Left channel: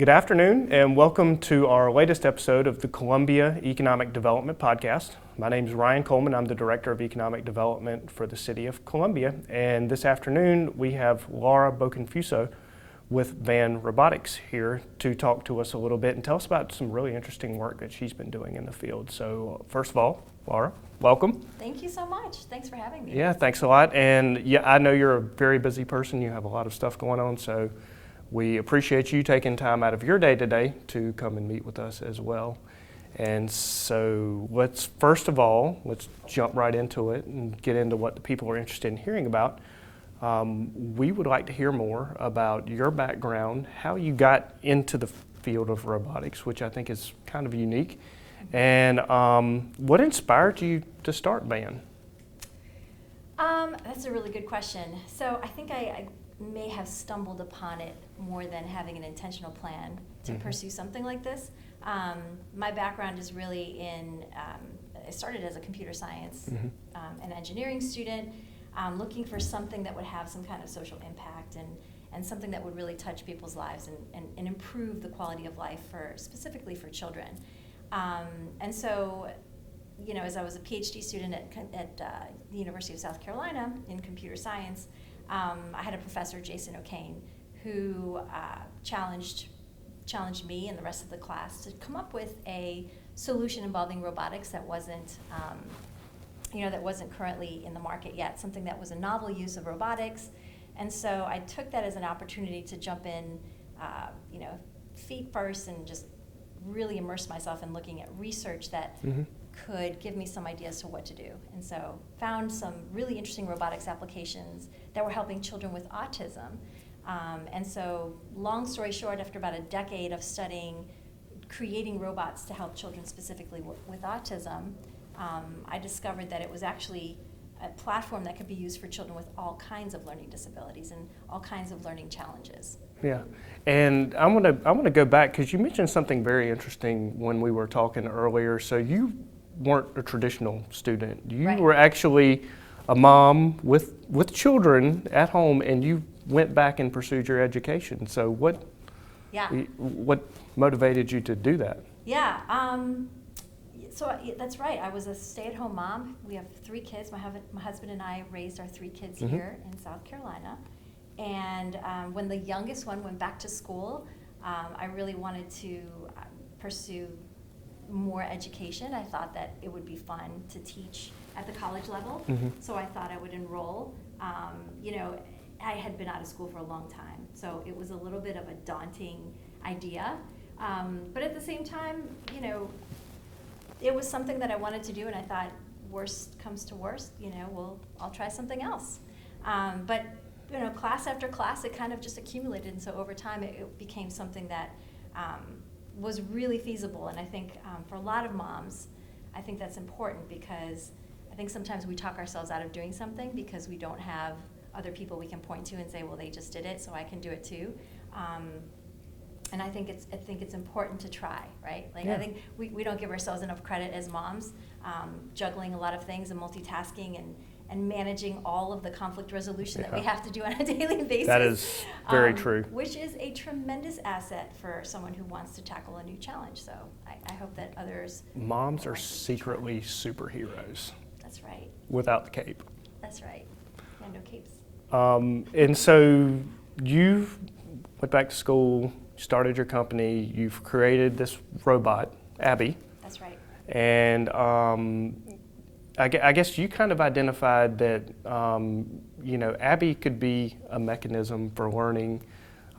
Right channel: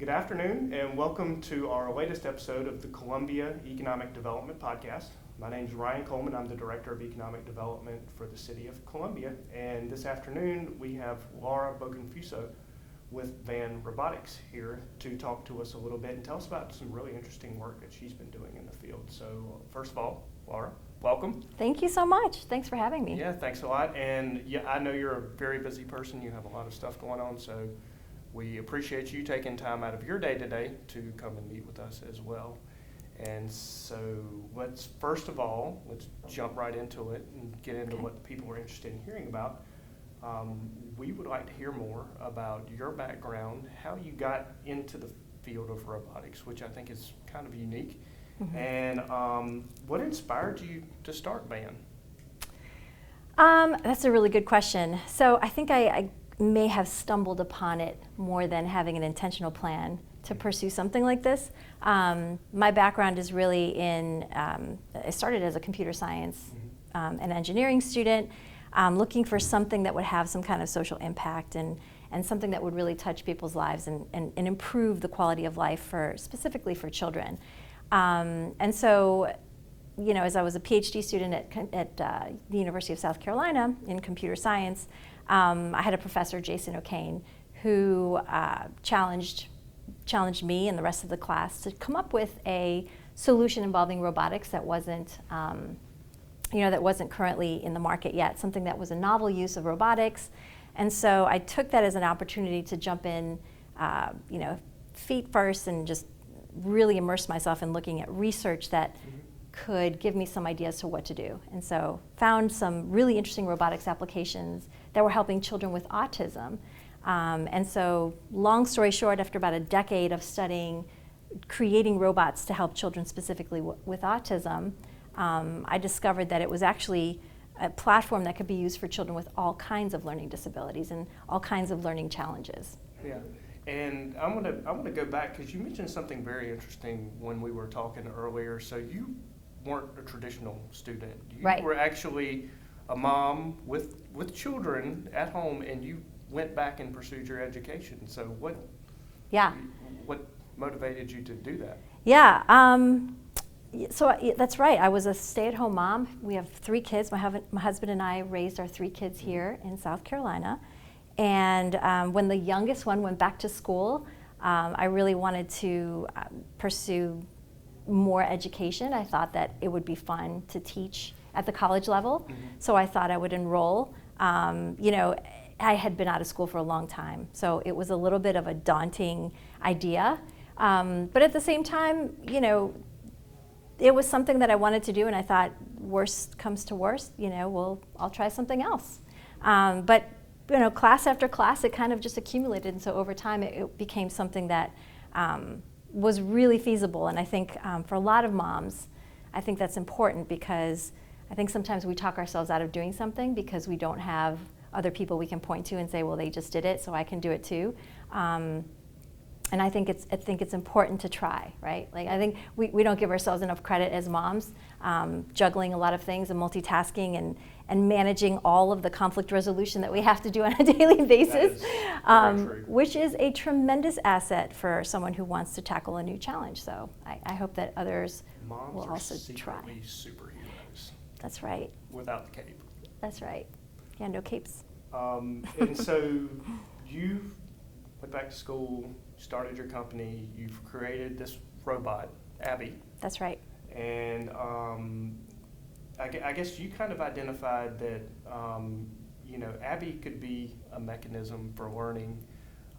Good afternoon, and welcome to our latest episode of the Columbia Economic Development Podcast. My name is Ryan Coleman. I'm the Director of Economic Development for the City of Columbia. And this afternoon, we have Laura Boconfuso with Van Robotics here to talk to us a little bit and tell us about some really interesting work that she's been doing in the field. So first of all, Laura, welcome. Thank you so much. Thanks for having me. Yeah, thanks a lot. And yeah, I know you're a very busy person. You have a lot of stuff going on, so we appreciate you taking time out of your day today to come and meet with us as well. And so let's jump right into it and get into what the people are interested in hearing about. We would like to hear more about your background, how you got into the field of robotics, which I think is kind of unique, and what inspired you to start Van? That's a really good question. So I think I may have stumbled upon it more than having an intentional plan to pursue something like this. My background is really in, I started as a computer science and engineering student, looking for something that would have some kind of social impact and something that would really touch people's lives and improve the quality of life specifically for children. And so, you know, as I was a PhD student at the University of South Carolina in computer science, I had a professor, Jason O'Kane, who challenged me and the rest of the class to come up with a solution involving robotics that wasn't currently in the market yet, something that was a novel use of robotics. And so I took that as an opportunity to jump in, feet first and just really immerse myself in looking at research that could give me some ideas to what to do. And so found some really interesting robotics applications that were helping children with autism. And so long story short, after about a decade of studying creating robots to help children specifically with autism, I discovered that it was actually a platform that could be used for children with all kinds of learning disabilities and all kinds of learning challenges. Yeah, and I want to go back because you mentioned something very interesting when we were talking earlier. So you weren't a traditional student. You were actually a mom with children at home, and you went back and pursued your education. So what motivated you to do that? Yeah, so that's right. I was a stay-at-home mom. We have 3 kids. My husband and I raised our 3 kids here in South Carolina. And when the youngest one went back to school, I really wanted to pursue more education. I thought that it would be fun to teach at the college level. So I thought I would enroll. I had been out of school for a long time, so it was a little bit of a daunting idea. But at the same time, it was something that I wanted to do, and I thought, worst comes to worst, I'll try something else. But class after class, it kind of just accumulated, and so over time, it became something that was really feasible. And I think for a lot of moms, I think that's important because I think sometimes we talk ourselves out of doing something because we don't have other people we can point to and say, well, they just did it, so I can do it too. And I think it's important to try, right? I think we don't give ourselves enough credit as moms, juggling a lot of things and multitasking and managing all of the conflict resolution that we have to do on a daily basis. That is very true. Which is a tremendous asset for someone who wants to tackle a new challenge. So I hope that others Moms are secretly superheroes. That's right. Without the cape. That's right. Yeah, no capes. And so you went back to school, started your company, you've created this robot, Abby. That's right. And I guess you kind of identified that, Abby could be a mechanism for learning,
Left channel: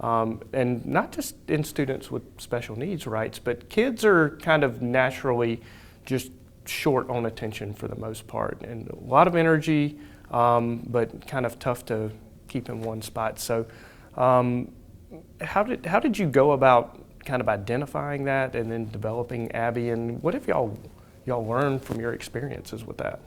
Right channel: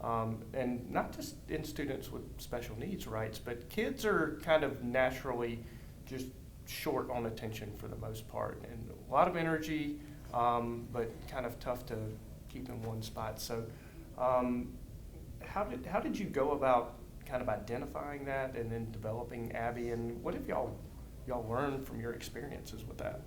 and not just in students with special needs, right? But kids are kind of naturally just short on attention for the most part, and a lot of energy, but kind of tough to keep in one spot. So how did you go about kind of identifying that and then developing Abby, and what have y'all learned from your experiences with that?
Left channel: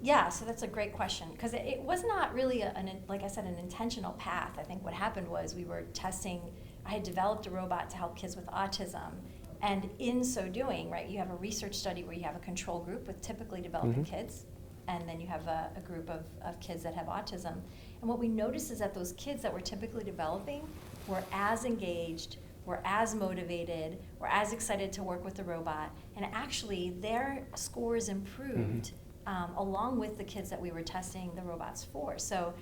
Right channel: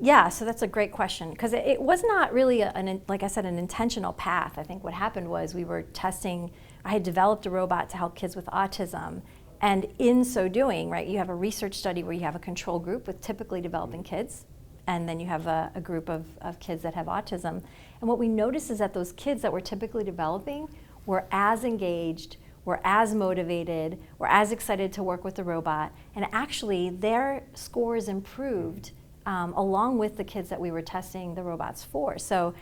Yeah, so that's a great question because it was not really, like I said, an intentional path. I think what happened was we were testing, I had developed a robot to help kids with autism, and in so doing, right, you have a research study where you have a control group with typically developing kids, and then you have a group of kids that have autism. And what we noticed is that those kids that were typically developing were as engaged were as motivated, were as excited to work with the robot, and actually their scores improved along with the kids that we were testing the robots for. So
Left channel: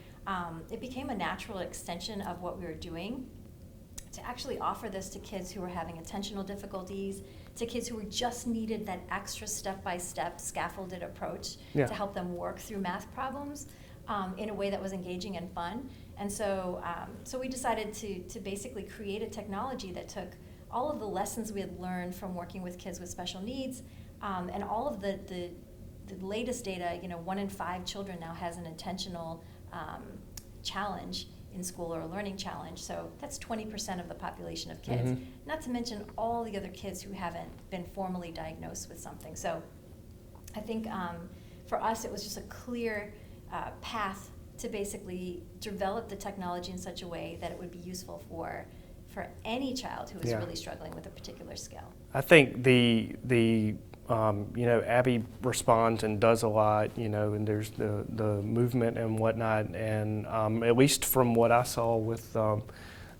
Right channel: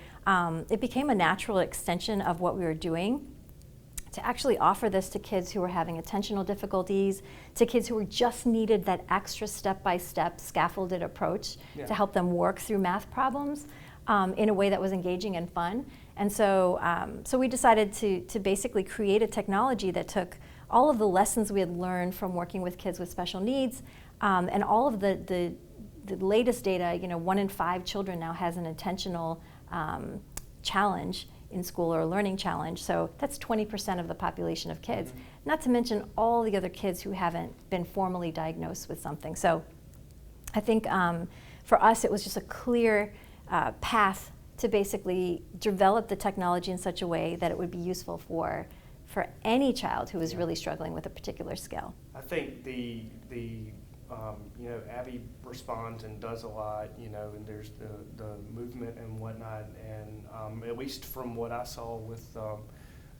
it became a natural extension of what we were doing to actually offer this to kids who were having attentional difficulties, to kids who were just needed that extra step-by-step scaffolded approach to help them work through math problems in a way that was engaging and fun. And so, so we decided to basically create a technology that took all of the lessons we had learned from working with kids with special needs and all of the latest data. 1 in 5 children now has an intentional challenge in school, or a learning challenge. So that's 20% of the population of kids, not to mention all the other kids who haven't been formally diagnosed with something. So I think for us it was just a clear path to basically develop the technology in such a way that it would be useful for any child who is really struggling with a particular skill. I think the Abby responds and does a lot, and there's the movement and whatnot, and at least from what I saw with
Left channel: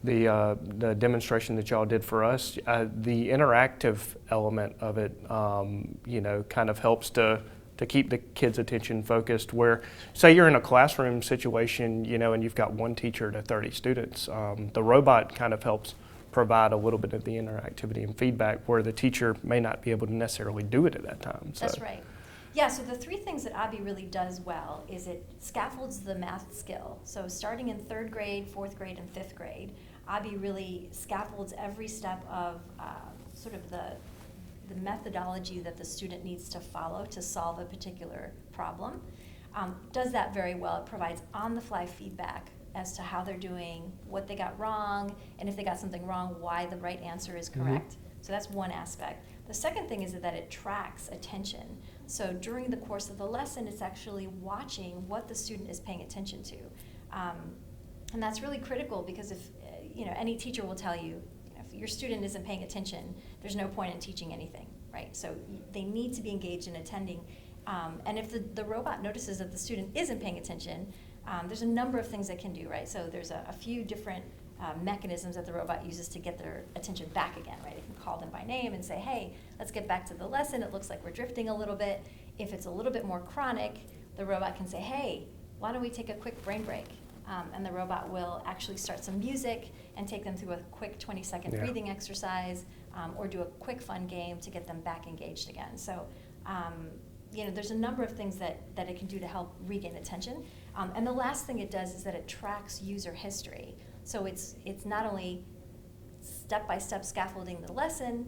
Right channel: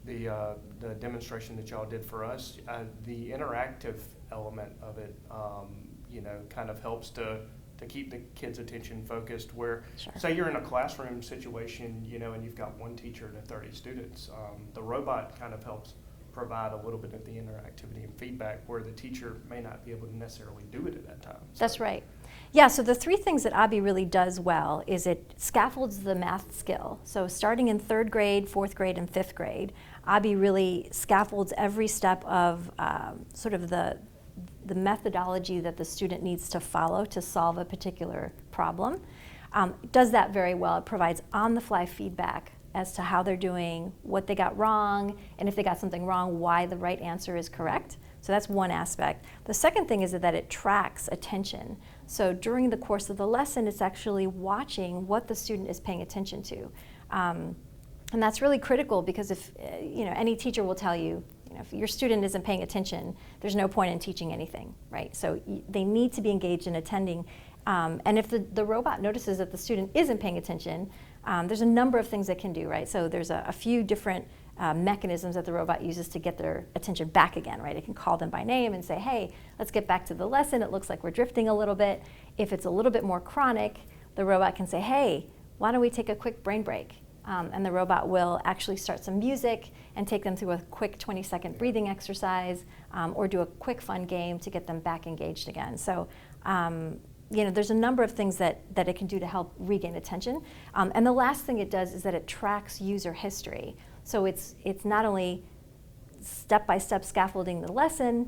the demonstration that y'all did for us, the interactive element of it, kind of helps to keep the kids' attention focused. Where, say you're in a classroom situation, and you've got one teacher to 30 students, the robot kind of helps provide a little bit of the interactivity and feedback where the teacher may not be able to necessarily do it at that time. So. That's right. Yeah, so the 3 things that Abby really does well is it scaffolds the math skill. So starting in 3rd grade, 4th grade, and 5th grade, Abby really scaffolds every step of sort of the methodology that the student needs to follow to solve a particular problem. Does that very well. It provides on-the-fly feedback as to how they're doing, what they got wrong, and if they got something wrong, why the right answer is correct. So that's one aspect. The second thing is that it tracks attention. So during the course of the lesson, it's actually watching what the student is paying attention to. And that's really critical because if, any teacher will tell you, if your student isn't paying attention, there's no point in teaching anything, right? So they need to be engaged in attending. And if the robot notices that the student isn't paying attention, there's a number of things it can do, right? So there's a few different mechanisms that the robot uses to get their attention back again, right? It can call them by name and say, hey, let's get back to the lesson. It looks like we're drifting a little bit. If it's a little bit more chronic, the robot can say, hey, why don't we take a quick brain break? And the robot will actually start some music and take them through a quick 20-second breathing exercise or do a quick fun game to get them back engaged again. So there's a number of things that it can do to help regain attention. And the last thing it does is that it tracks user history. So it's not only step-by-step scaffolding the lesson,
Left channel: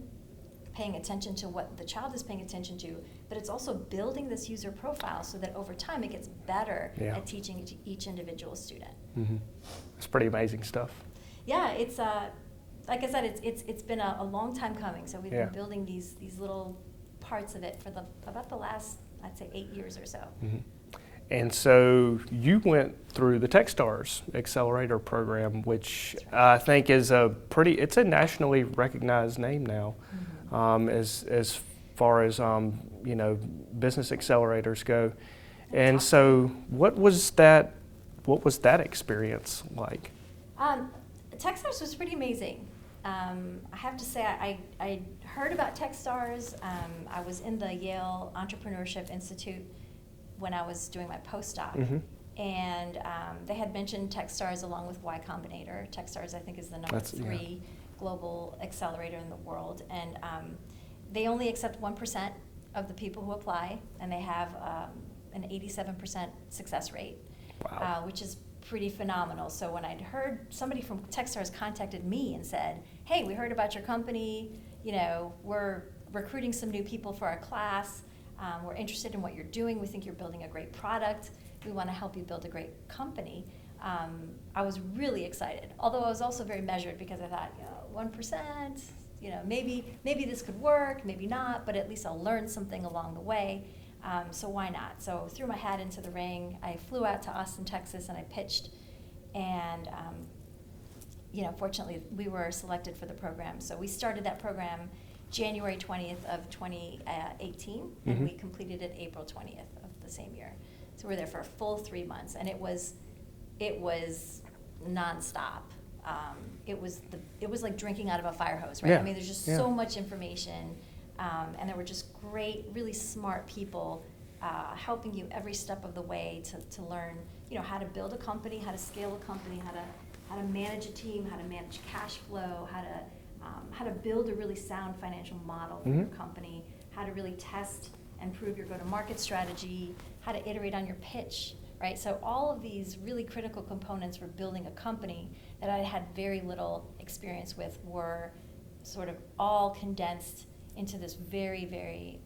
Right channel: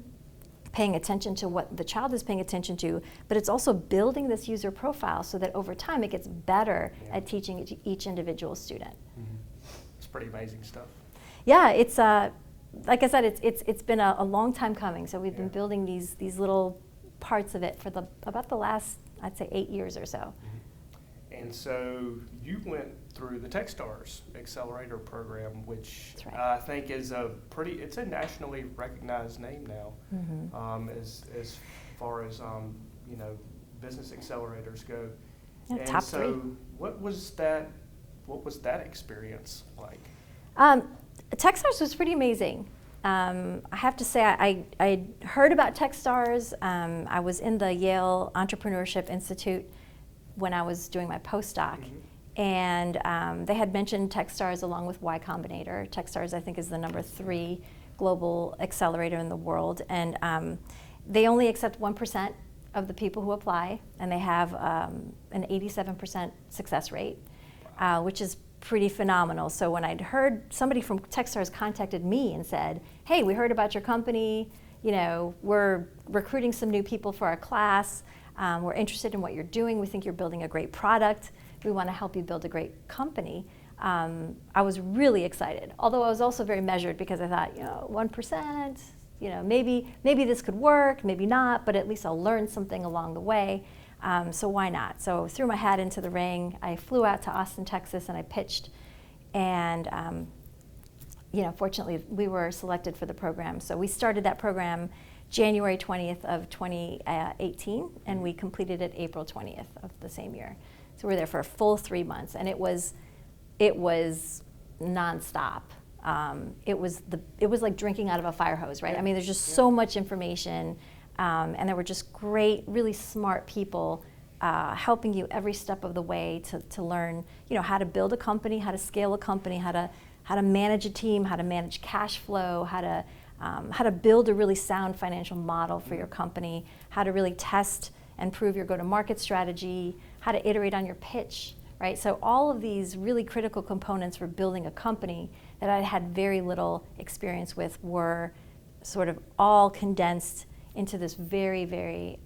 paying attention to what the child is paying attention to, but it's also building this user profile so that over time it gets better at teaching each individual student. It's pretty amazing stuff. Yeah, it's like I said, it's been a long time coming. So we've been building these little parts of it for about the last, I'd say, 8 years or so. And so you went through the Techstars Accelerator program, which I think is it's a nationally recognized name now, as far as business accelerators go. And so what was that experience like? Techstars was pretty amazing. I have to say, I heard about Techstars. I was in the Yale Entrepreneurship Institute when I was doing my postdoc, and they had mentioned Techstars along with Y Combinator. Techstars, I think, is the number 3 global accelerator in the world, and they only accept 1% of the people who apply, and they have an 87% success rate, which is pretty phenomenal. So when I'd heard somebody from Techstars contacted me and said, hey, we heard about your company, we're recruiting some new people for our class, we're interested in what you're doing, we think you're building a great product, we want to help you build a great company. I was really excited, although I was also very measured because I thought, 1%, maybe this could work, maybe not, but at least I'll learn something along the way. So why not? So threw my hat into the ring. I flew out to Austin, Texas, and I pitched. And fortunately, we were selected for the program. So we started that program January 20th of 2018, and we completed it April 20th of the same year. So we were there for a full 3 months, and it was nonstop. it was like drinking out of a fire hose, right? Yeah. I mean, there's just Yeah. so much information, and there were just great, really smart people helping you every step of the way to learn, how to build a company, how to scale a company, how to manage a team, how to manage cash flow, how to build a really sound financial model for your company, how to really test and prove your go-to-market strategy, how to iterate on your pitch, right? So all of these really critical components for building a company that I had very little experience with were sort of all condensed into this very, very,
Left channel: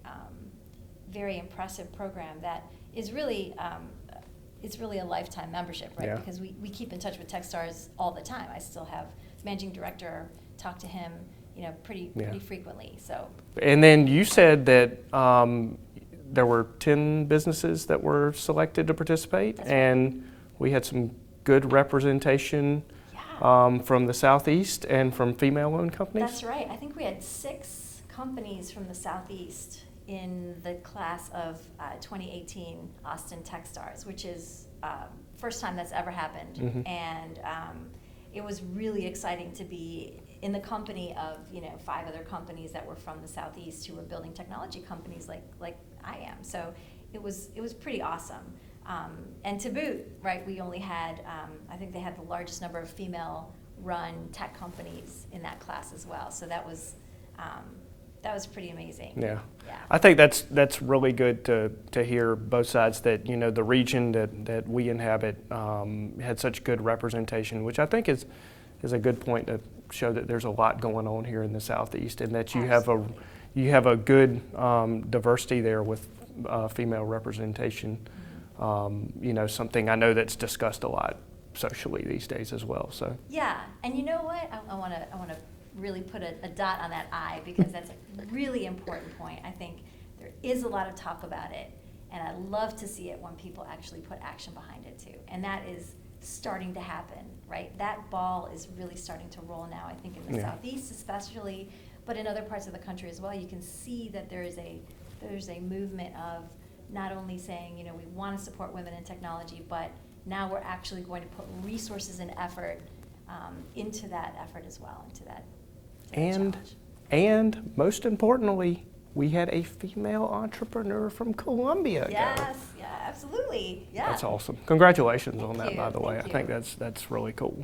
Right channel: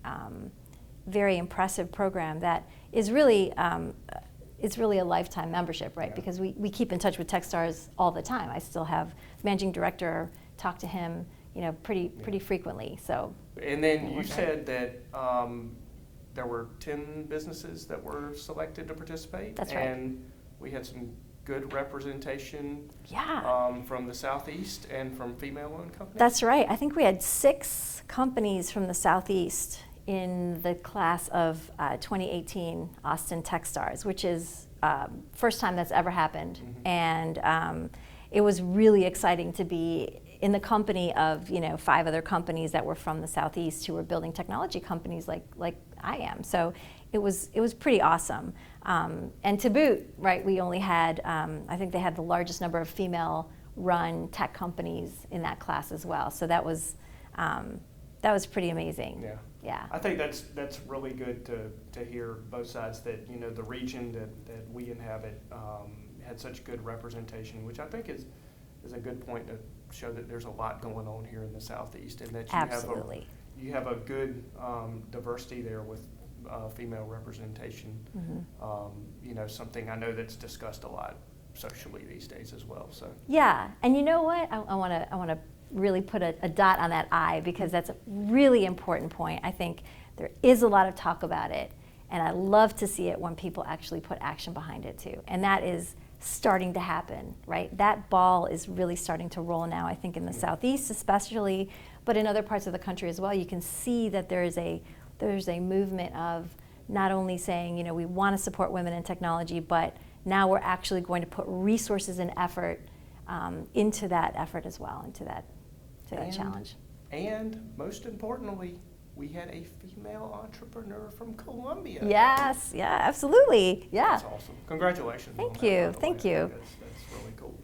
very impressive program that is really it's really a lifetime membership, right? Yeah. Because we keep in touch with Techstars all the time. I still have managing director, talk to him, pretty frequently. So. And then you said that there were 10 businesses that were selected to participate. That's right. And we had some good representation from the Southeast and from female-owned companies. That's right. I think we had 6 companies from the Southeast in the class of 2018 Austin Techstars, which is first time that's ever happened. Mm-hmm. And it was really exciting to be in the company of 5 other companies that were from the Southeast who were building technology companies like I am. So it was pretty awesome. And to boot, right, we only had I think they had the largest number of female-run tech companies in that class as well. So that was pretty amazing. Yeah. Yeah. I think that's really good to hear both sides, that the region that we inhabit had such good representation, which I think is a good point to show that there's a lot going on here in the Southeast, and that Absolutely. you have a good diversity there with female representation. Mm-hmm. Something I know that's discussed a lot socially these days as well. So Yeah, and you know what? I want to really put a dot on that I, because that's a really important point. I think there is a lot of talk about it, and I love to see it when people actually put action behind it too. And that is starting to happen, right? That ball is really starting to roll now, I think, in the Southeast especially, but in other parts of the country as well. You can see that there's a movement of not only saying, we want to support women in technology, but now we're actually going to put resources and effort into that effort as well, into that challenge. And most importantly, we had a female entrepreneur from Columbia. Yes, yeah, absolutely. Yeah. That's awesome. Congratulations on Thank that, you, by the way. thank you. I think that's really cool.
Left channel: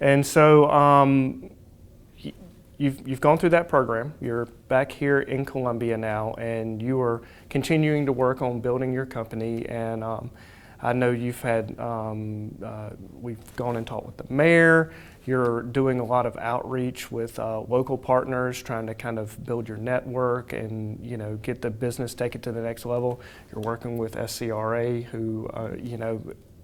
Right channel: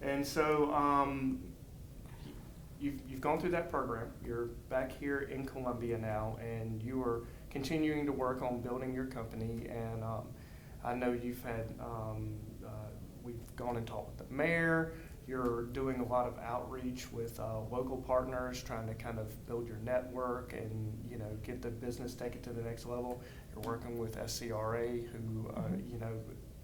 And so you've gone through that program. You're back here in Columbia now, and you are continuing to work on building your company. And I know you've had, we've gone and talked with the mayor. You're doing a lot of outreach with local partners, trying to kind of build your network and get the business, take it to the next level. You're working with SCRA, who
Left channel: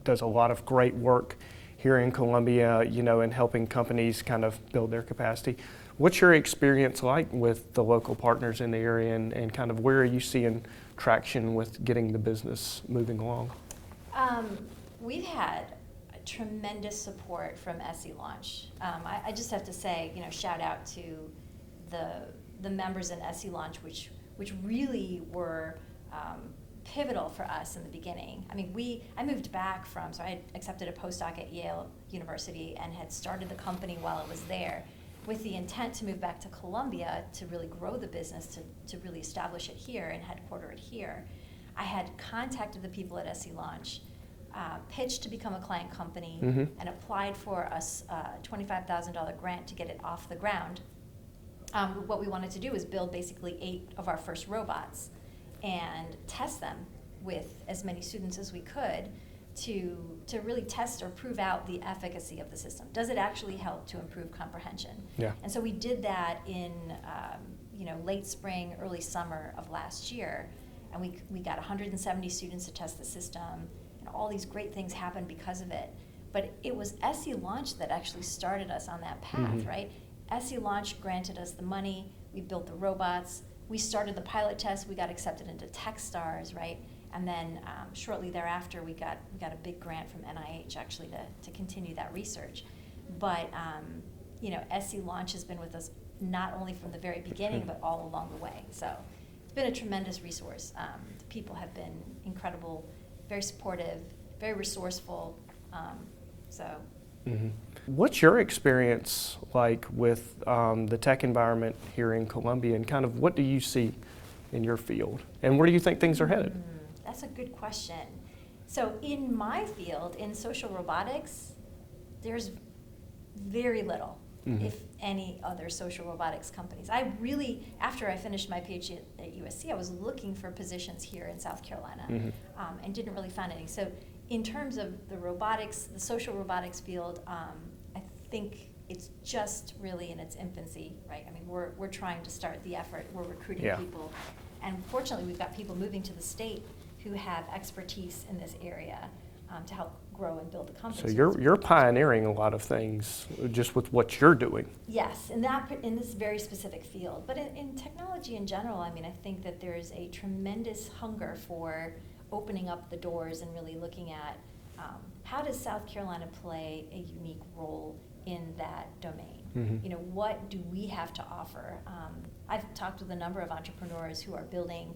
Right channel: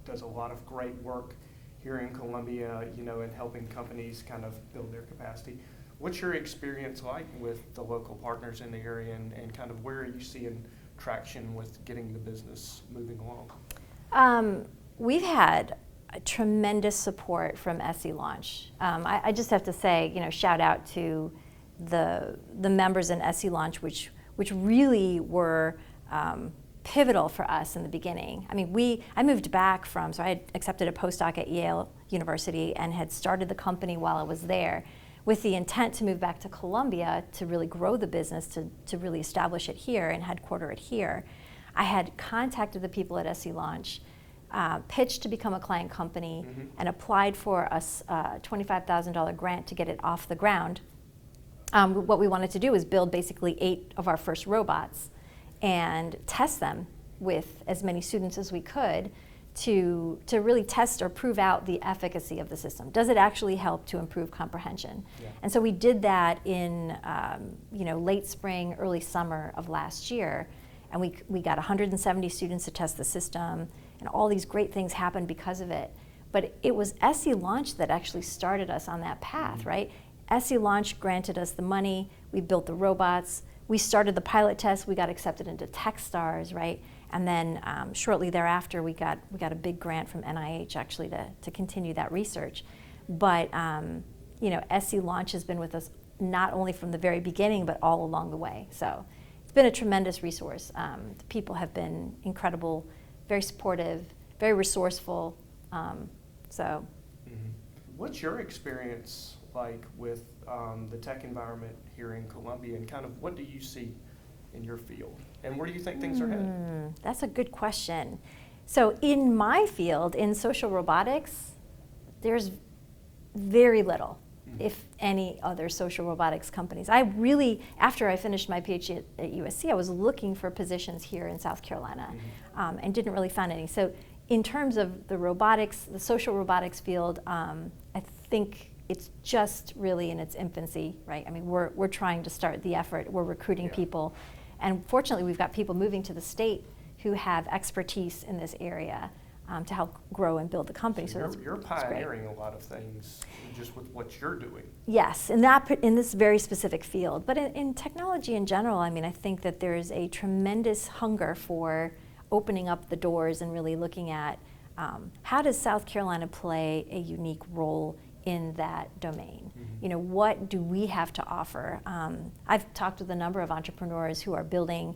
does a lot of great work here in Columbia, and helping companies kind of build their capacity. What's your experience like with the local partners in the area, and kind of where are you seeing traction with getting the business moving along? We've had tremendous support from SE Launch. I just have to say, shout out to the members in SE Launch, which really were pivotal for us in the beginning. I mean, I moved back so I had accepted a postdoc at Yale University and had started the company while I was there, with the intent to move back to Columbia to really grow the business, to really establish it here and headquarter it here. I had contacted the people at SE Launch, pitched to become a client company, and applied for a $25,000 grant to get it off the ground. What we wanted to do is build basically 8 of our first robots and test them with as many students as we could to really test or prove out the efficacy of the system. Does it actually help to improve comprehension? Yeah. And so we did that in late spring, early summer of last year, and we got 170 students to test the system, and all these great things happened because of it. But it was SE Launch that actually started us on that path, right? SE Launch granted us the money, we built the robots, we started the pilot test, we got accepted into Techstars, right? And then shortly thereafter, we got a big grant from NIH actually to continue that research. But SE Launch has been with us not only from the very beginning, but all along the way. So it's been a tremendous resource. The people have been incredible, very supportive, very resourceful. What's your experience like with the tech environment here in Columbia, and kind of what do you see in your field, and where do you think things are headed? That's a good question. So in my field, in social robotics, there's very little, if any, other social robotics companies. I really, after I finished my PhD at USC, I was looking for positions here in South Carolina, and didn't really find any. So in terms of the robotics, the social robotics field, I think it's just really in its infancy, right? I mean, we're trying to start the effort. We're recruiting people, and fortunately, we've got people moving to the state who have expertise in this area to help grow and build the company. So you're pioneering a lot of things just with what you're doing. Yes, in this very specific field. But in technology in general, I mean, I think that there is a tremendous hunger for opening up the doors and really looking at how does South Carolina play a unique role in that domain? You know, what do we have to offer? I've talked with a number of entrepreneurs who are building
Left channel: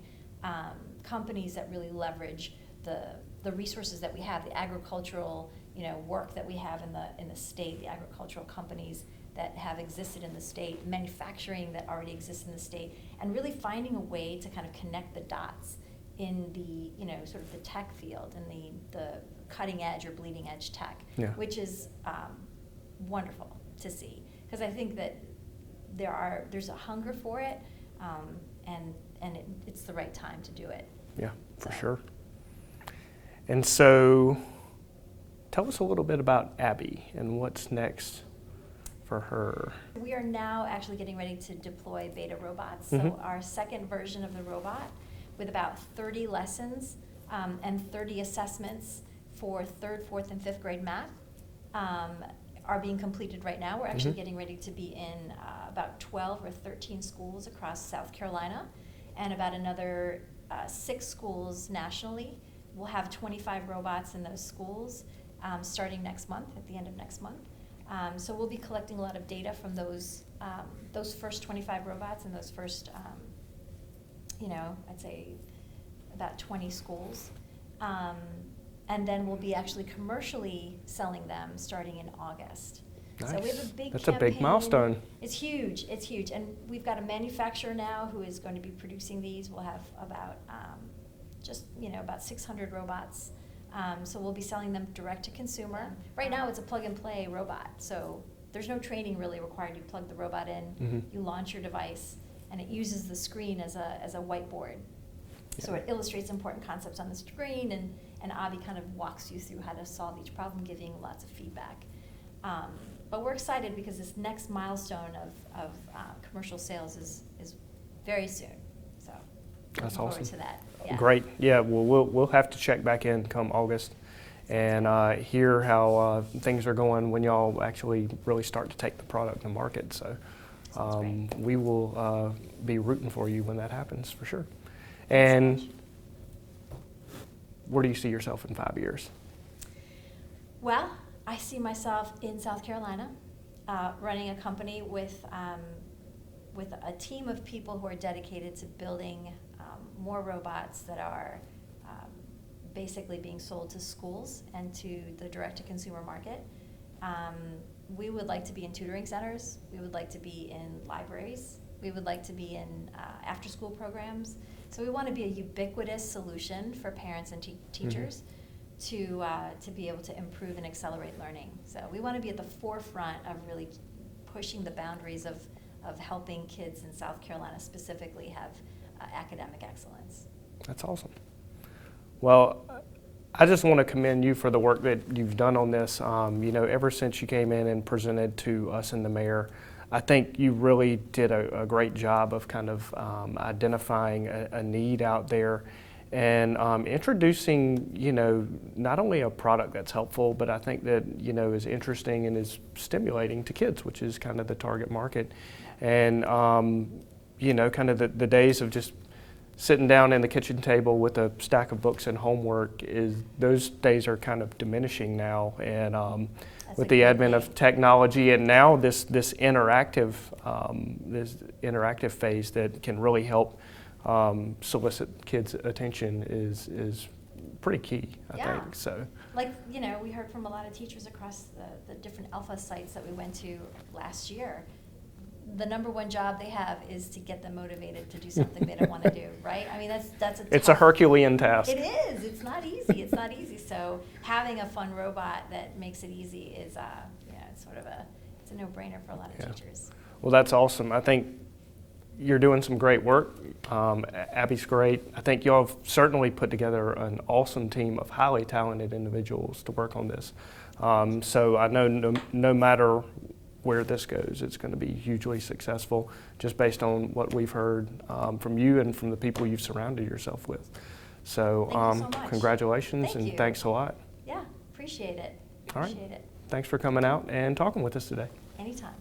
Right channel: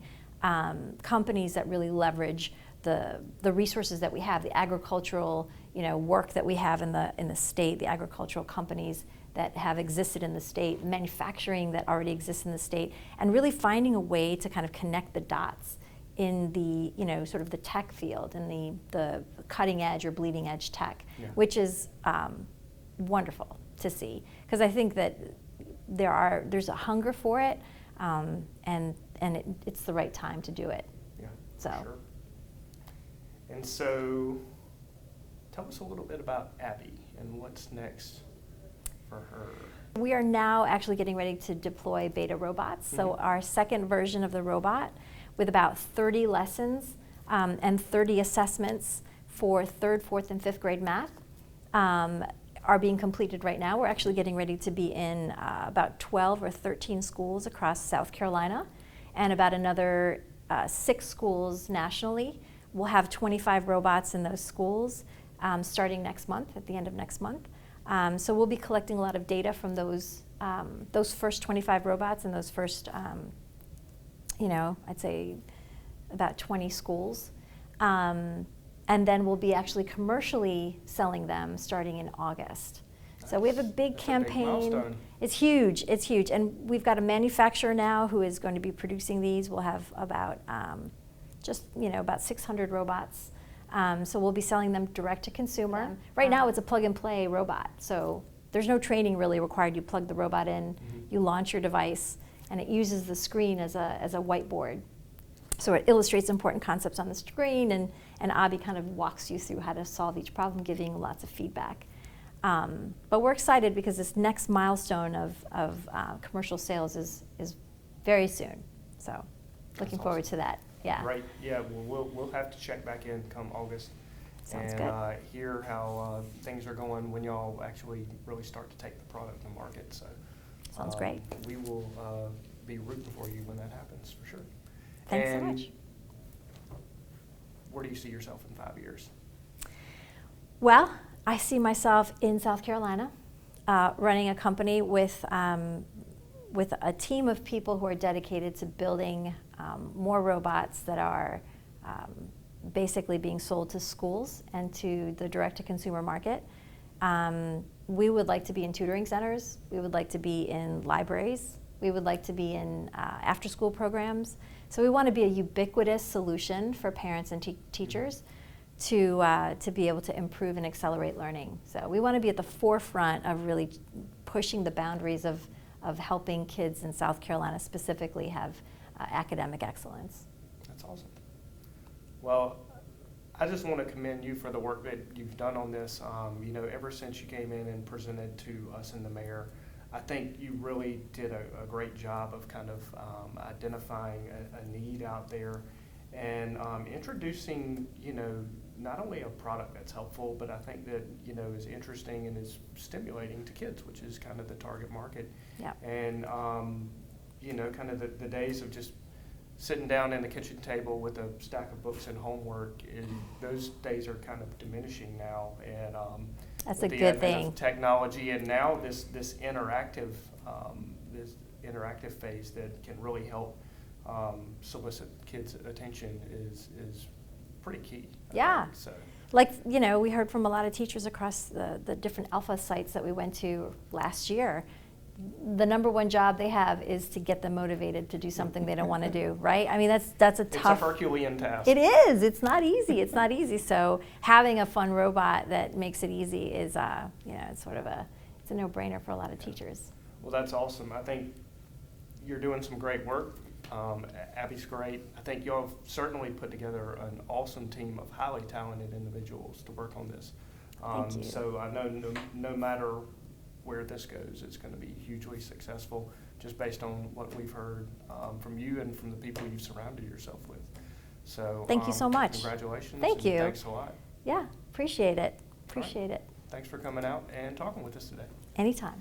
companies that really leverage the resources that we have, the agricultural, you know, work that we have in the state, the agricultural companies that have existed in the state, manufacturing that already exists in the state, and really finding a way to kind of connect the dots in the, you know, sort of the tech field and the cutting edge or bleeding edge tech, which is wonderful to see, because I think that there's a hunger for it, and it's the right time to do it. Yeah, for sure. And so, tell us a little bit about Abby and what's next for her. We are now actually getting ready to deploy beta robots. So our second version of the robot, with about 30 lessons and 30 assessments for 3rd, 4th, and 5th grade math, are being completed right now. We're actually getting ready to be in about 12 or 13 schools across South Carolina, and about another 6 schools nationally. We'll have 25 robots in those schools starting next month, at the end of next month. So we'll be collecting a lot of data from those first 25 robots and those first, you know, I'd say about 20 schools. And then we'll be actually commercially selling them starting in August. Nice. So we have a big campaign. That's a big milestone. It's huge, it's huge. And we've got a manufacturer now who is going to be producing these. We'll have about about 600 robots. So we'll be selling them direct to consumer. Right now it's a plug and play robot. So there's no training really required. You plug the robot in, you launch your device, and it uses the screen as a whiteboard. So it illustrates important concepts on the screen, and Abby kind of walks you through how to solve each problem, giving lots of feedback. But we're excited because this next milestone of commercial sales is very soon. So looking forward to that. Yeah. Great. Yeah. Well, we'll have to check back in come August and hear how things are going when y'all actually really start to take the product to market. So sounds great. We will be rooting for you when that happens for sure. Thanks and so much. Where do you see yourself in 5 years? Well, I see myself in South Carolina, running a company with a team of people who are dedicated to building more robots that are basically being sold to schools and to the direct-to-consumer market. We would like to be in tutoring centers. We would like to be in libraries. We would like to be in after-school programs. So we want to be a ubiquitous solution for parents and teachers to be able to improve and accelerate learning. So we want to be at the forefront of really pushing the boundaries of helping kids in South Carolina specifically have academic excellence. That's awesome. Well, I just want to commend you for the work that you've done on this. Ever since you came in and presented to us and the mayor, I think you really did a great job of kind of identifying a need out there and introducing, not only a product that's helpful, but I think that, is interesting and is stimulating to kids, which is kind of the target market. Yeah. And, kind of the days of just sitting down in the kitchen table with a stack of books and homework, those days are kind of diminishing now. And with the advent of technology and now this interactive phase that can really help solicit kids' attention is pretty key, I think. So like, you know, we heard from a lot of teachers across the different Alpha sites that we went to last year. The number one job they have is to get them motivated to do something they don't want to do, right? I mean, that's a tough. It's a Herculean task. It is. It's not easy. It's not easy. So having a fun robot that makes it easy is, you know, it's sort of it's a no-brainer for a lot of teachers. Well, that's awesome. I think you're doing some great work. Abby's great. I think y'all have certainly put together an awesome team of highly talented individuals to work on this. So I know no matter where this goes, it's going to be hugely successful, just based on what we've heard from you and from the people you've surrounded yourself with. So thank you so much. Congratulations. Thank you. Thanks a lot. Yeah, appreciate it. All right. Appreciate it. Thanks for coming out and talking with us today. Anytime.